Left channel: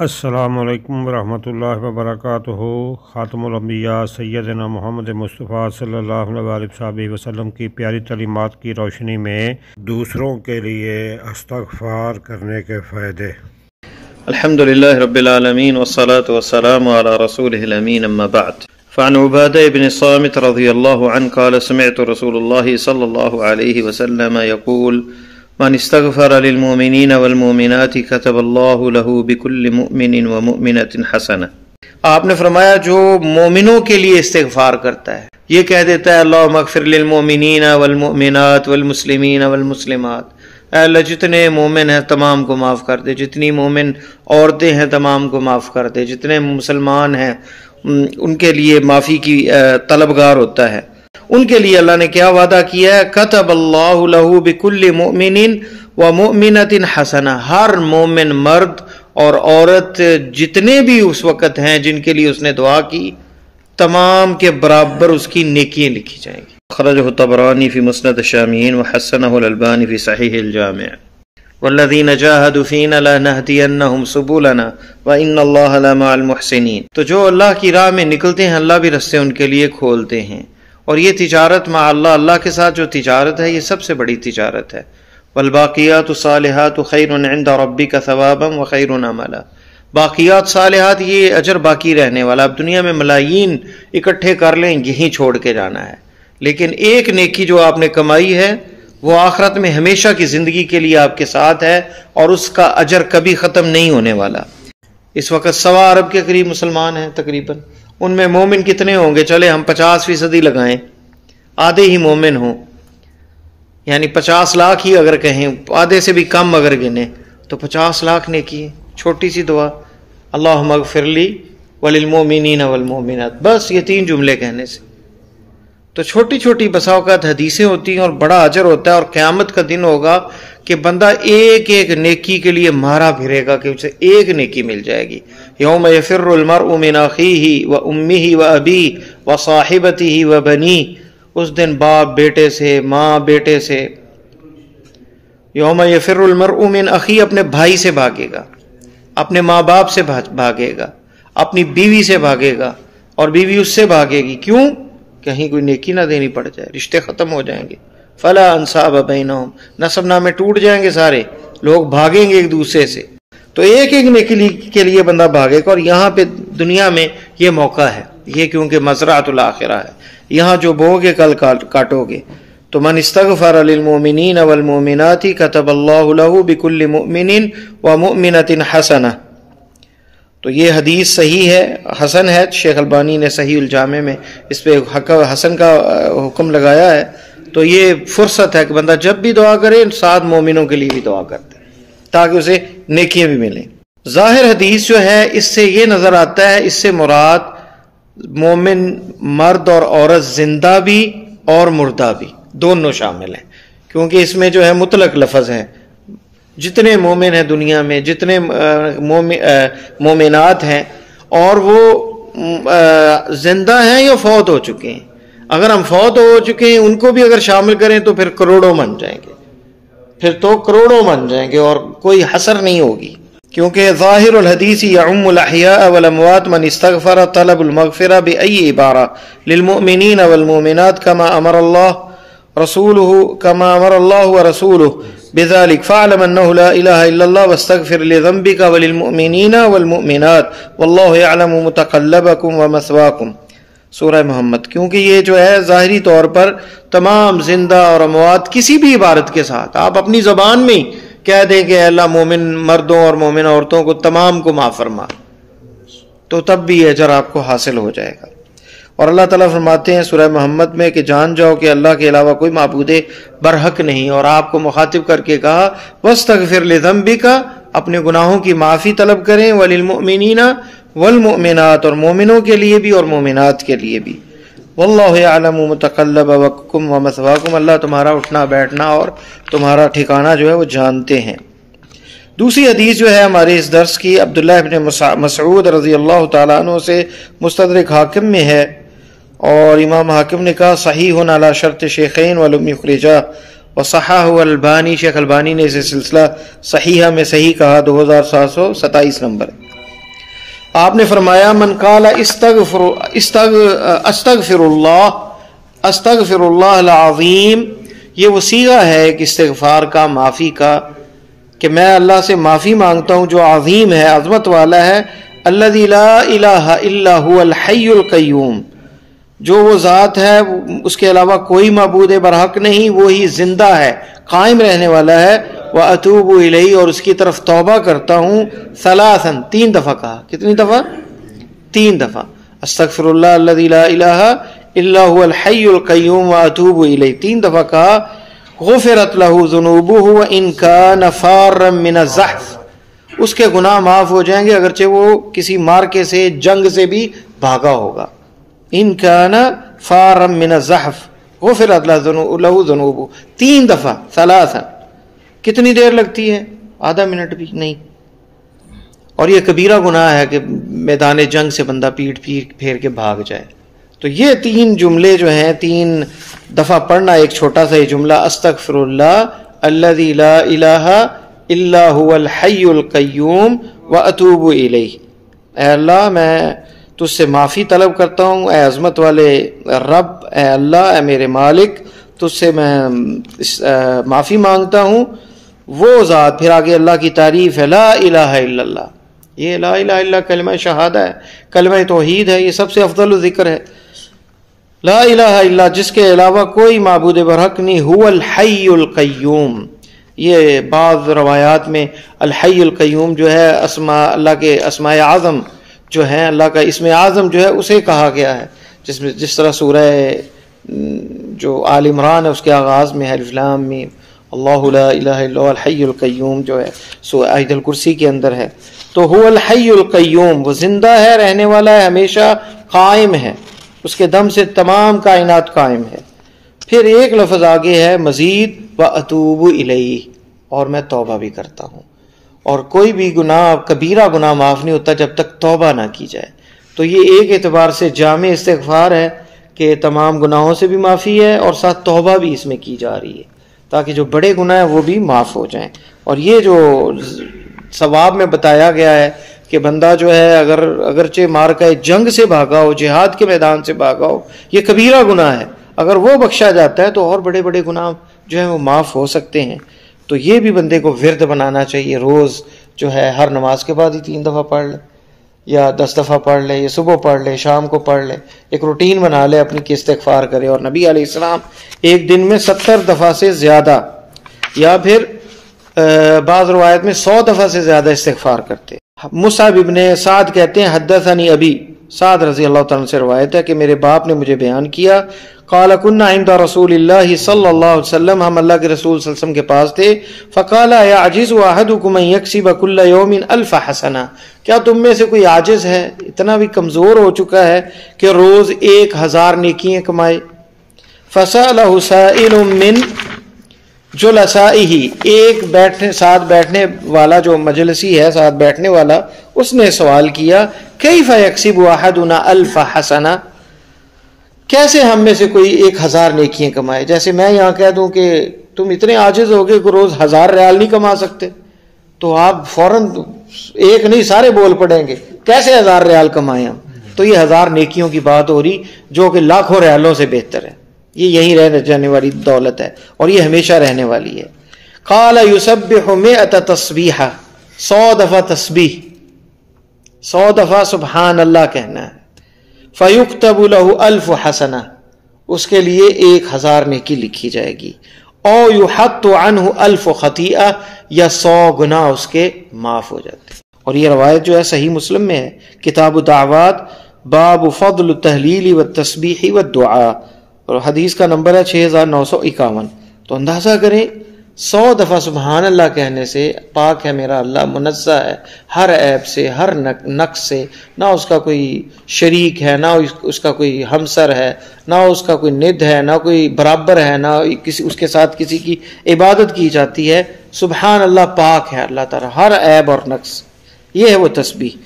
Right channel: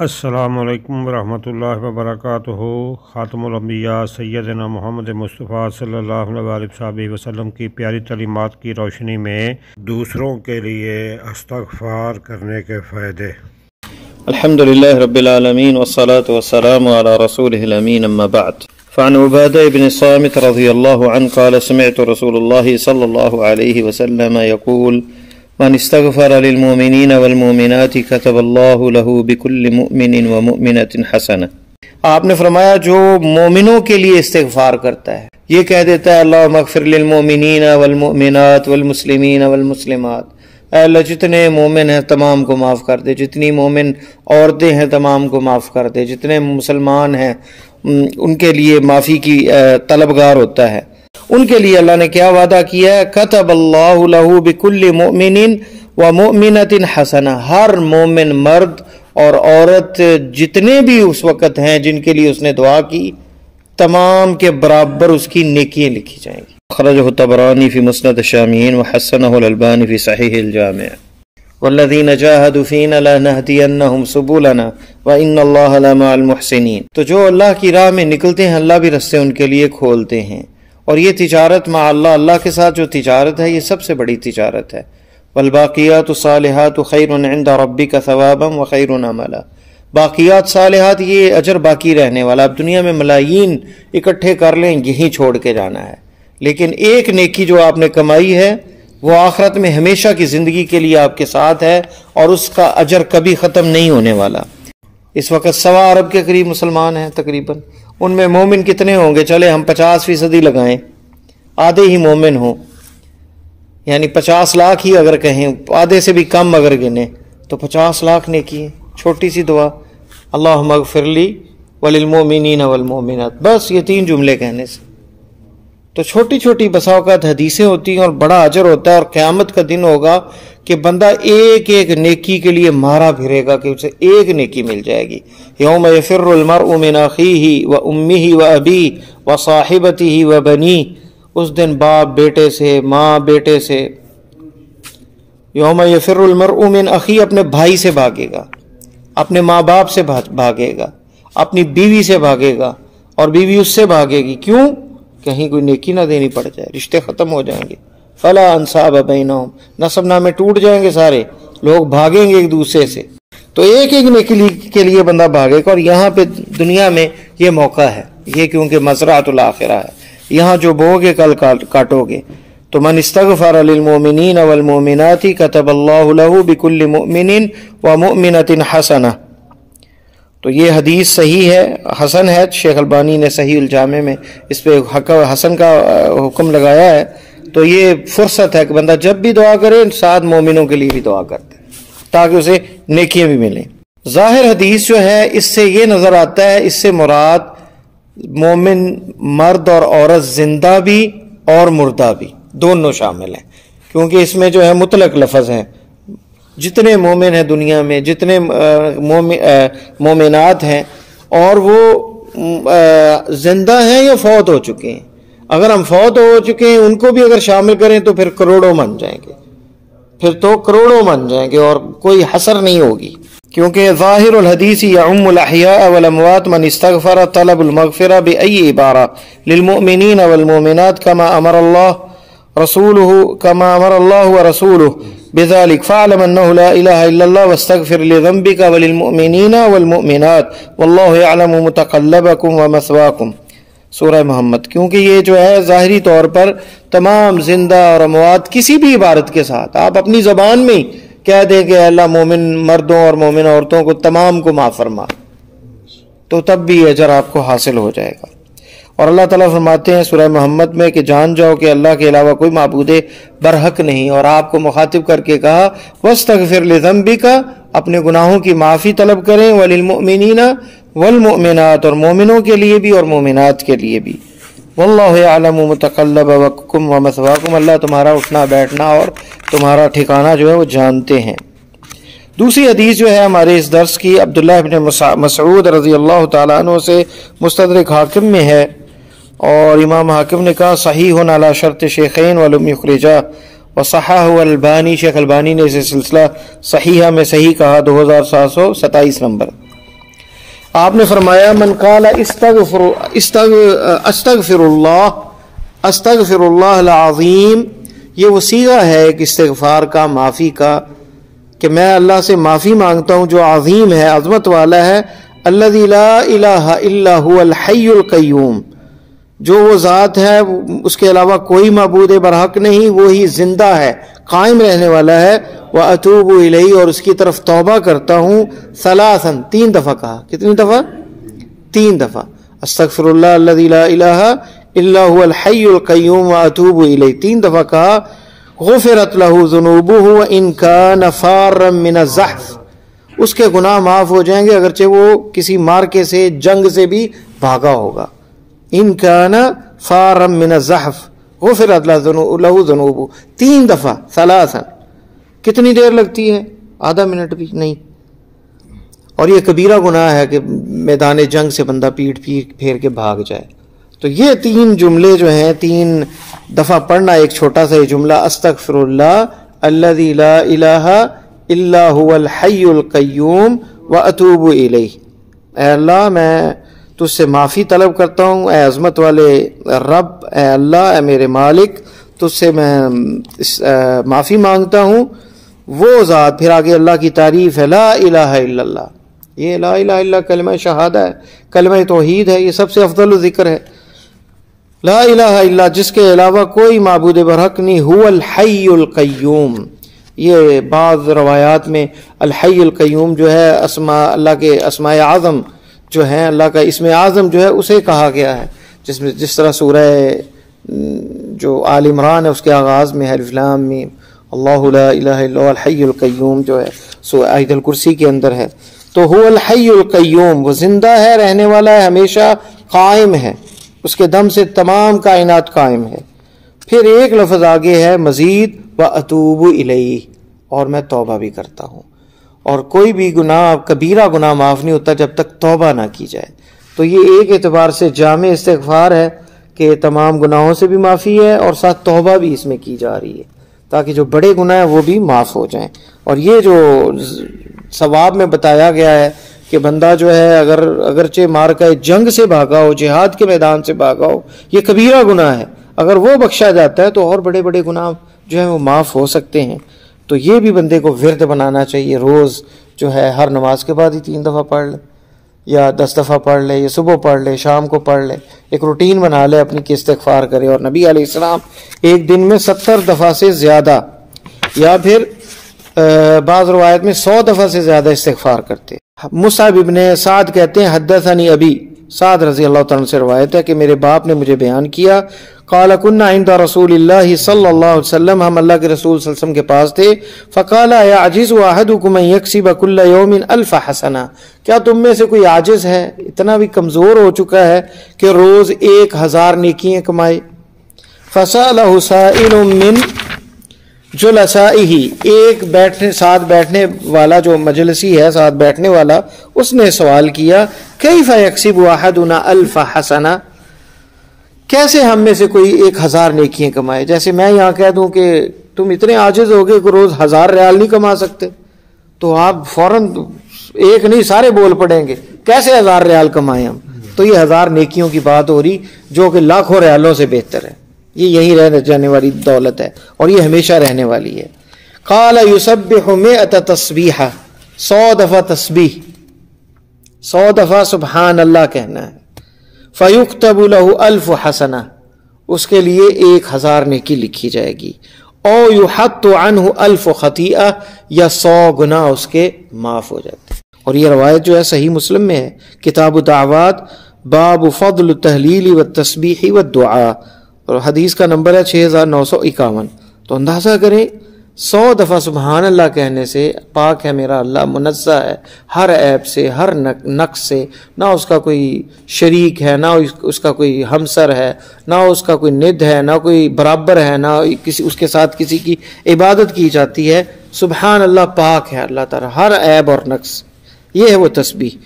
السلام علیکم ورحمۃ اللہ وبرکاتہ۔ خاتم الانبیاء سیدنا محمد مصطفیٰ صلی اللہ علیہ وسلم کی پیاری تعلیمات کی روشنی میں دوسروں کے لیے استغفار کرنے کے فائدے۔ الحمدللہ رب العالمین والصلاة والسلام علی رسولہ الامین، اما بعد، فعن عبادہ بن صامت رضی اللہ عنہ قال سمعت رسول اللہ صلی اللہ علیہ وسلم یقول من استغفر للمؤمنین والمؤمنات كتب اللہ له بكل مؤمن ومؤمنۃ حسنہ۔ آپ نے فرمایا جو مومنوں کے لیے استغفار کرتا ہے، یہ کہہ دیتا ہے اللہم اغفر للمؤمنین والمؤمنات والمسلمین والمسلمات، اے اللہ جتنے مومن ہیں تمام کو معاف کر دے، جتنی مومن عورتیں ہیں تمام کو معاف کر دے، جتنے مسلمان ہیں ان کے لیے معافی کی طلبگار ہوتا ہے۔ ان کے لیے اللہ نے کیا وعدہ کیا ہے؟ کتب اللہ لہ بکل مؤمن ومؤمنۃ حسنہ، ہر مومن مرد اور عورت جتنے بھی اس وقت ہیں جن کے لیے اس نے دعا کی، تمام کے برابر اس کی نیکیاں لکھی جائیں گی۔ خرجہ الطبرانی فی مسند الشامیین وحسنہ الالبانی فی صحیح الجامع۔ والذین جاہدوا فینا لنہدینہم سبلنا وان اللہ لمع المحسنین۔ تو جو اللہ کی راہ میں نکلتے ہیں اللہ بھی راستے ان کے لیے کھولتے ہیں، اور یہ تجارت مع اللہ، اللہ کے ساتھ جو تجارت ہے یہ سب سے بڑی تجارت ہے۔ والباقیات الصالحات خیر عند ربک ثوابا وخیر عملا۔ باقیات صالحات یہ اجر باقی رہنے والا، اب دنیا میں ملایین اکٹھے کر لیں یہیں چھوڑ کے جانا ہے، لیکن ایک نیکی جو آپ نے کمائی ہے وہ آخرت میں ہمیشہ کی زندگی کے لیے آپ کے ساتھ ہے، اور اس کا اجر کبھی ختم نہیں ہونے والا۔ اس وقت 1.25 ارب کے قریب مسلمان ہیں تقریباً، ان میں مومن کتنے ہوں گے؟ چلے ہم 50% ہی لگائیں، آدھے ہی مومن ہوں، یعنی 50 لاکھ ہی اگر کہیں، آدھے سے بھی کم اگر گنے تو 50 لاکھ نیکی ہے۔ چھوٹی سی دعا اللہم اغفر لی وللمؤمنین والمؤمنات، بس یہ 3 جملے کہنے سے تو چھوٹی چھوٹی بسا اوقات حدیثیں ہوتی ہیں اور بڑا اجر ہوتا ہے، اور قیامت کا دن ہوگا کہ بندہ ایک ایک نیکی کے لیے مارا پھرے گا کہ اسے ایک نیکی مل جائے گی۔ یوم یفر المرء من اخیہ وامہ وابیہ وصاحبتہ وبنیہ، اس دن باپ بیٹے سے، ماں بیٹے سے۔ یوم یفر المرء من اخیہ، اپنے بھائی سے بھاگے گا، اپنے ماں باپ سے بھاگے گا، اپنی بیوی سے بھاگے گا، اور بیوی اس سے بھاگے گی۔ کیوں؟ کہیں کوئی نیکی نہ دینی پڑ جائے، رشتے ختم ہو جائیں گے۔ فلا انصاب بینہم، نسب نامے ٹوٹ جائیں گے، سارے لوگ بھاگیں گے ایک دوسرے سے۔ تو ایک ایک نیکی کے لیے بندہ بھاگے گا، اور یہاں پہ دنیا میں یہ موقع ہے، یہ کیونکہ مزرعۃ الآخرہ ہے، یہاں جو بو گے کل کاٹو گے۔ تو من استغفر للمؤمنین والمؤمنات کتب اللہ لہ بکل مؤمن ومؤمنۃ حسنہ۔ تو یہ حدیث صحیح ہے، حسن ہے، شیخ البانی نے صحیح الجامع میں اس پہ حسن کا حکم لگایا ہے۔ تو یہ فرصت ہے کہ بندہ جب بھی دعا کرے ساتھ مومنوں کے لیے بھی دعا کرتے تاکہ اسے نیکیاں بھی ملیں۔ ظاہر حدیث جو ہے اس سے یہ نظر آتا ہے، اس سے مراد مومن مرد اور عورت زندہ بھی اور مردہ بھی دونوں شامل ہیں، کیونکہ اس میں جو ہے مطلق لفظ ہے، جتنے مومن ہیں دنیا میں، جتنے مومنات ہیں، اور وہ زندہ ہیں یا فوت ہو چکے ہیں۔ اگر ہم فوت ہو چکے ہیں ان کو بھی اگر شامل کریں تو پھر کروڑوں بن جائیں گے، پھر تو کروڑوں بن جائیں گے، اور کوئی حصر نہیں ہوگی، کیونکہ ظاہر الحدیث یعم الاحیاء والاموات من استغفر طلب المغفرہ بأی عبارہ للمؤمنین والمؤمنات کما امر اللہ ورسولہ بذلك فاعلم انه لا الہ الا اللہ واستغفر لذنبک وللمؤمنین والمؤمنات واللہ یعلم متقلبکم ومثواکم۔ سورہ محمد، کیونکہ یہ جو ہے ظاہری طور پر تمام زندہ اور اموات کسی بھی عبارت کے ساتھ آپ اپنی زبان میں کہہ دیں کہ اللہ مومن مردوں اور مومن عورتوں کو تمام کو معاف فرما، تو تب بھی اجر آپ کو حاصل ہو جائے گا۔ اور اللہ تعالیٰ فرماتے ہیں سورہ محمد میں کہ جان جاؤ کہ اللہ کے علاوہ کوئی معبود برحق نہیں، اور آپ کو مخاطب کر کے کہا وَاسْتَغْفِرْ لِذَنْبِكَ، اپنے گناہوں کی معافی طلب کریں، وَلِلْمُؤْمِنِينَ وَالْمُؤْمِنَاتِ، اور مومنوں کے لیے بھی اور مومنات کے لیے بھی۔ وَاللَّهُ يَعْلَمُ مُتَقَلَّبَكُمْ وَمَثْوَاكُمْ، اللہ تمہارا اٹھنا بیٹھنا اور تمہارا ٹھکانہ جو ہے وہ جانتے ہیں۔ دوسری حدیث جو ہے ہمارے اس درس کی عبداللہ بن مسعود رضی اللہ تعالیٰ عنہ سے مستدرک حاکم میں ہے، اور امام حاکم نے کہا صحیح علی شرط شیخین ولم یخرجہ، وصححہ البانی، شیخ البانی نے اسے سلسلہ صحیحہ میں صحیح کہا 2727 نمبر۔ آپ نے فرمایا من قال استغفر اللہ العظیم، یہ وہ صیغہ ہے ایک استغفار کا، معافی کا، کہ میں اللہ سے معافی مانگتا ہوں جو عظیم ہے، عظمت والا ہے، الذی لا الہ الا هو الحی القیوم، جو وہ ذات ہے اس کے علاوہ کوئی معبود برحق نہیں، وہی زندہ ہے، قائم رہنے والا ہے، واتوب الیہ، اور اس کی طرف توبہ کرتا ہوں، ثلاثا، 3 دفعہ کہا، کتنی دفعہ؟ 3 دفعہ، استغفر اللہ الذی لا الہ الا هو الحی القیوم واتوب الیہ، 3 دفعہ کہا، غفرت له ذنوبہ وان کان فارا من الزحف، اس کے گناہ معاف ہو جائیں گے اگرچہ وہ کسی مارکے سے، جنگ سے بھی بھاگا ہوگا، ان کان فارا من الزحف غفرت له ذنوبہ، 3 دفعہ، ثلاثا، کتنی دیر لگتی ہے؟ آدھا منٹ بھی نہیں، اور یہ کبیرہ گناہ ہے کہ میدان جنگ سے بندہ پیٹ پھیر کے بھاگ جائے۔ تو یہ 3 جملے جو ہیں، 3 دفعہ پڑھنا ایک چھوٹا سا یہ جملہ، استغفر اللہ الذی لا الہ الا هو الحی القیوم واتوب الیہ، اے اللہ میں تجھ سے معافی طلب کرتا ہوں، اے عظمت والے رب، اے اللہ، اے میرے مالک، تجھ سے میں معافی مانگتا ہوں، وہ ذات، پھر آگے اللہ کی تعریف ہے، لا الہ الا اللہ، یہ لا الہ الا کلمہ شہادہ ہے، کلمہ توحید ہے، یہ سب سے افضل ذکر ہے، لا الہ الا، جس کے علاوہ کوئی معبود برحق نہیں، هو الحی القیوم، یہ بعض روایات میں الحی القیوم جو ہے اسماء اللہ کے اسماء اعظم جو ہیں، اللہ کا اسم اعظم جو ہے اسے کہا گیا ہے، جس طرح سورہ جو آل عمران ہے اس کے آغاز میں الف لام میم اللہ لا الہ الا هو الحی القیوم جو ہے سورہ آیت الکرسی کے اندر ہے، تو هو الحی القیوم، وہ زندہ ہے، رہنے والا ہے، ہمیشہ قائم ہے، اس کے دم سے تمام کائنات قائم ہے۔ پھر ایک لفظ آگے ہے مزید، وَأَتُوبُ إِلَيْهِ، اور میں توبہ بھی کرتا ہوں، اور کوئی بھی گناہ، کبیرہ گناہ معاف نہیں ہوتا جب تک توبہ نہ کی جائے۔ تو یہ ایک اعتبار سے جامع استغفار ہے کہ تمام گناہوں سے بھی معافی ہے اور ساتھ توبہ بھی اس میں کی جا رہی ہے تاکہ جو بڑے گناہ ہیں وہ بھی معاف ہو جائیں۔ اور یہ جو ثواب میں بتایا گیا ہے کہ بندہ جو ہے اگرچہ مارکہ جنگ سے بھاگا ہو، جہاد کے میدان سے بھاگا ہو، یہ کبیرہ گناہ ہے، اگر وہ بخشا جاتا ہے تو اور بڑے بڑے گناہ جو ہیں وہ معاف ہو سکتے ہیں۔ تو یہ بھی بندے کو ورد بنانا چاہیے، روز جو ہے ہر نماز کے بعد ہی 3 دفعہ پڑھ لے، یا 10 دفعہ پڑھ لے، یا صبح پڑھ لے، شام کو پڑھ لے، ایک روٹین بنا لے اپنی کہ استغفار کرے۔ اور نبی علیہ السلام ایک دن میں 70 دفعہ سے زیادہ، یا پھر بعض روایت میں 100 دفعہ سے زیادہ استغفار کرتے۔ مصعب ابن سعد کہتے ہیں حدثنی ابی، سعد رضی اللہ تعالیٰ سے روایت ہے کہ میرے باپ نے مجھے بیان کیا، قال كنا عند رسول اللہ صلی اللہ علیہ وسلم، ہم اللہ کے رسول صلی اللہ علیہ وسلم کے پاس تھے، فقال يعجز احدكم ان يكسب كل يوم 1000 حسنہ، کیا تم میں سے کوئی عاجز ہے، اتنا بھی کمزور ہو چکا ہے کہ روز 1000 نیکیاں کمائے؟ فسأله سائل من جلسائه، ایک ساتھ بیٹھنے والا جو مجلسی ہے، ساتھ بیٹھنے والا، اس نے سوال کیا، کیف یکسب احدنا 1000 حسنہ، کیسے ہم میں سے کوئی 1000 نیکیاں کمائے؟ جیسے میں یہاں کہہ دوں کہ تم اتنے عاجز ہو گئے کہ روز 1000 ریال نہیں کما سکتے، تو آپ فوراً ایک نہیں سارے بول پڑیں گے کیسے 1000 ریال کمائیں ہم؟ تو یہ 1000 نیکیوں کی بات ہو رہی جو کہ لاکھوں ریالوں سے بہتر ہے، یہ یہی رہ جانے والی دولت ہے اور یہ ہمیشہ رہنے والی ہے۔ قال یسبح 100 تسبیحہ، 100 دفعہ تسبیح، 100 دفعہ سبحان اللہ کہنا ہے، فیکتب له 1000 حسنہ، اس کے لیے 1000 نیکی لکھی جائے گی، او یحط عنہ 1000 خطیئہ، یا 100 گناہ اس کے معاف ہو جاتے ہیں۔ اور یہ روایت جو ہے صحیح مسلم میں ہے، کتاب الدعوات، باب فضل التہلیل والتسبیح والدعاء، اور حدیث کا نمبر ہے 6951۔ تو اندازہ کریں 100 دفعہ سبحان اللہ کہنے سے پاک ہے میرا اللہ، منزہ ہے ہر عیب سے، ہر نقص سے، نہ اس کا کوئی شریک ہے، نہ اس کا کوئی ہمسر ہے، نہ اس کا کوئی ند ہے، نہ کوئی برابر ہے، نہ اس کے ساتھ کسی کی عبادت کی جاتی ہے۔ سبحان اللہ، پاک ہے اللہ تعالیٰ ہر عیب اور نقص۔ یہ ہے وہ تسبیح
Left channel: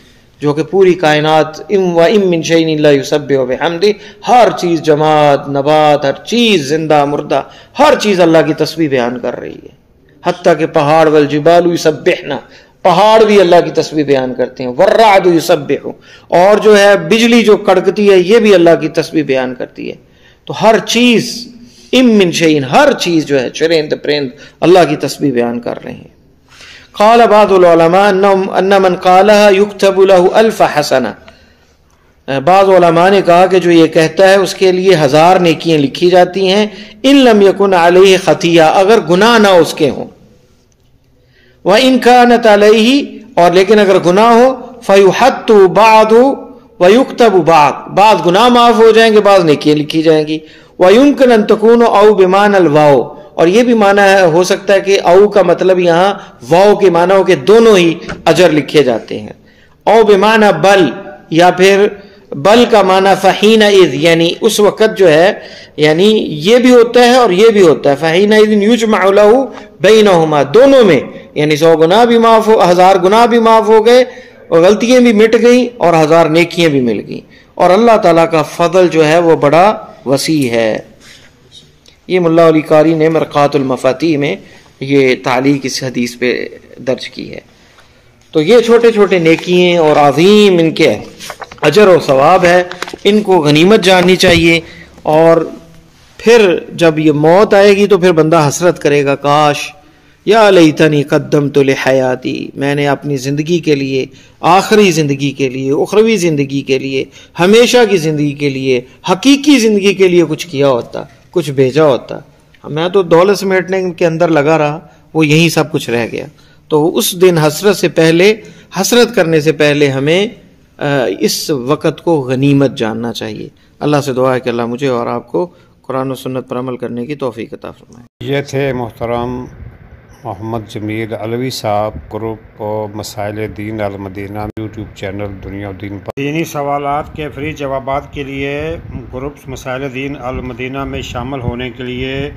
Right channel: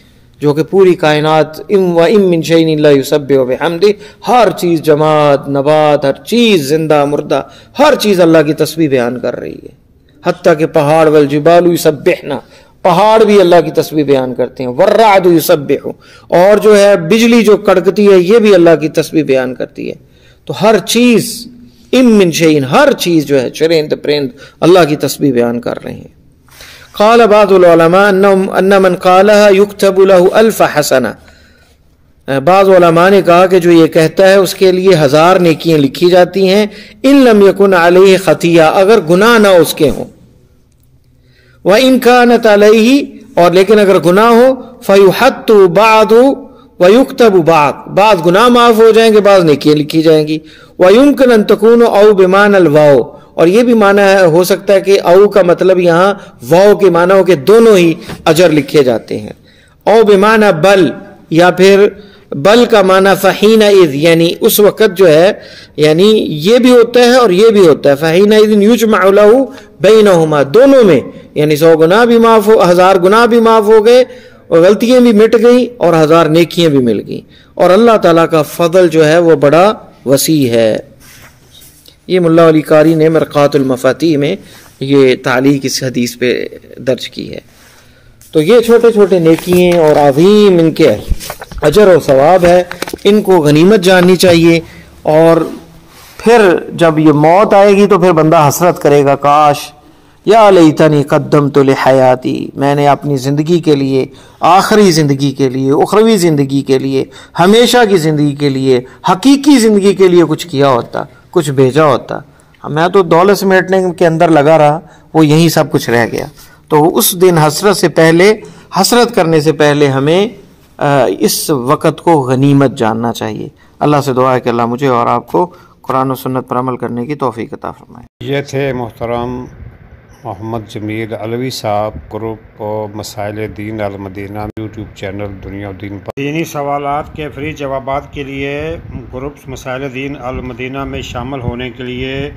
جو کہ پوری کائنات، وَإِن مِّن شَيْءٍ إِلَّا يُسَبِّحُ بِحَمْدِهِ، ہر چیز، جماد، نبات، ہر چیز، زندہ مردہ، ہر چیز اللہ کی تسبیح بیان کر رہی ہے، حتیٰ کہ پہاڑ والجبال یسبحن، پہاڑ بھی اللہ کی تسبیح بیان کرتے ہیں. والرعد یسبح، اور جو ہے بجلی جو کڑکتی ہے یہ بھی اللہ کی تسبیح بیان کرتی ہے. تو ہر چیز من شیء، ہر چیز جو ہے چرند پرند اللہ کی تسبیح بیان کر رہے ہیں. قال بعض العلماء ان من قالها يكتب له 1000 حسنہ، بعض علماء نے کہا کہ جو یہ کہتا ہے اس کے لیے 1000 نیکیاں لکھی جاتی ہیں. ان لم يكن عليه خطیہ، اگر گناہ نہ اس کے ہوں. وان كانت عليه، اور لیکن اگر گناہ ہو فيحط بعض ويكتب بعض گناہ معاف ہو جائیں گے، بعض نیکیاں لکھی جائیں گی. ويمكن ان تكون او بمعنى الواو، اور یہ بھی معنی ہو سکتا ہے کہ او کا مطلب یہاں واو کے معنی ہو کہ دونوں ہی اجر لکھے جاتے ہیں. او بمعنی بل، یا پھر بل کا معنی فحینئذ، یعنی اس وقت جو ہے، یعنی یہ بھی ہوتا ہے اور یہ بھی ہوتا ہے. فحینئذ یجمع له بینہما، دونوں میں، یعنی 100 گناہ بھی معاف ہو، 1000 گناہ بھی معاف ہو گئے اور غلطیاں بھی مٹ گئیں اور 1000 نیکیاں بھی مل گئیں. اور اللہ تعالیٰ کا فضل جو ہے وہ بڑا وسیع ہے. یہ ملا علی قاری نے مرقات المفاتیح میں یہ تعلیق اس حدیث پہ درج کی ہے. تو یہ چھوٹے چھوٹے نیکیاں اور عظیم ان کے اجر و ثواب ہے، ان کو غنیمت جاننی چاہیے. اور پھر جب یہ موت آئے گی تو پھر بندہ حسرت کرے گا، کاش یا لیتنی قدمت لحیاتی، میں نے اپنی زندگی کے لیے، آخری زندگی کے لیے، اخروی زندگی کے لیے، ہمیشہ کی زندگی کے لیے، حقیقی زندگی کے لیے کچھ کیا ہوتا، کچھ بھیجا ہوتا. میں تو دولت سمیٹنے کے اندر لگا رہا، وہ یہیں سب کچھ رہ گیا. تو اس دن حسرت کرنے سے پہلے ہمیں اس وقت کو غنیمت جاننا چاہیے. اللہ سے دعا ہے کہ اللہ مجھے اور آپ کو قرآن و سنت پر عمل کرنے کی توفیق عطا فرمائے. یہ تھے محترم محمد جمیل علوی صاحب، گروپ مسائل دین المدینہ یوٹیوب چینل دنیا و دین پر. دینی سوالات کے فری جوابات کے لیے گروپ مسائل دین المدینہ میں شامل ہونے کے لیے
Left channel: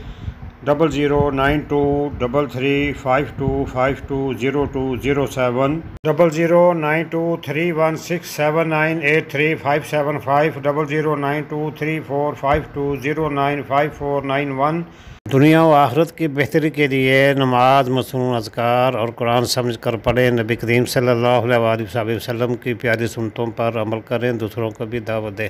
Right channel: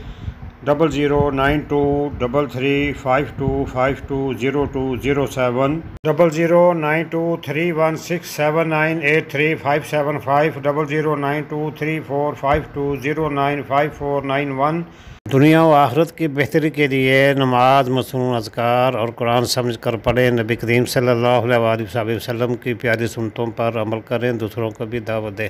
00923352520207 00923167983575 00923452095491. دنیا و آخرت کی بہتری کے لیے نماز، مصنون اذکار اور قرآن سمجھ کر پڑھیں. نبی کریم صلی اللہ علیہ وآلہ وسلم کی پیاری سنتوں پر عمل کریں، دوسروں کو بھی دعوت دیں.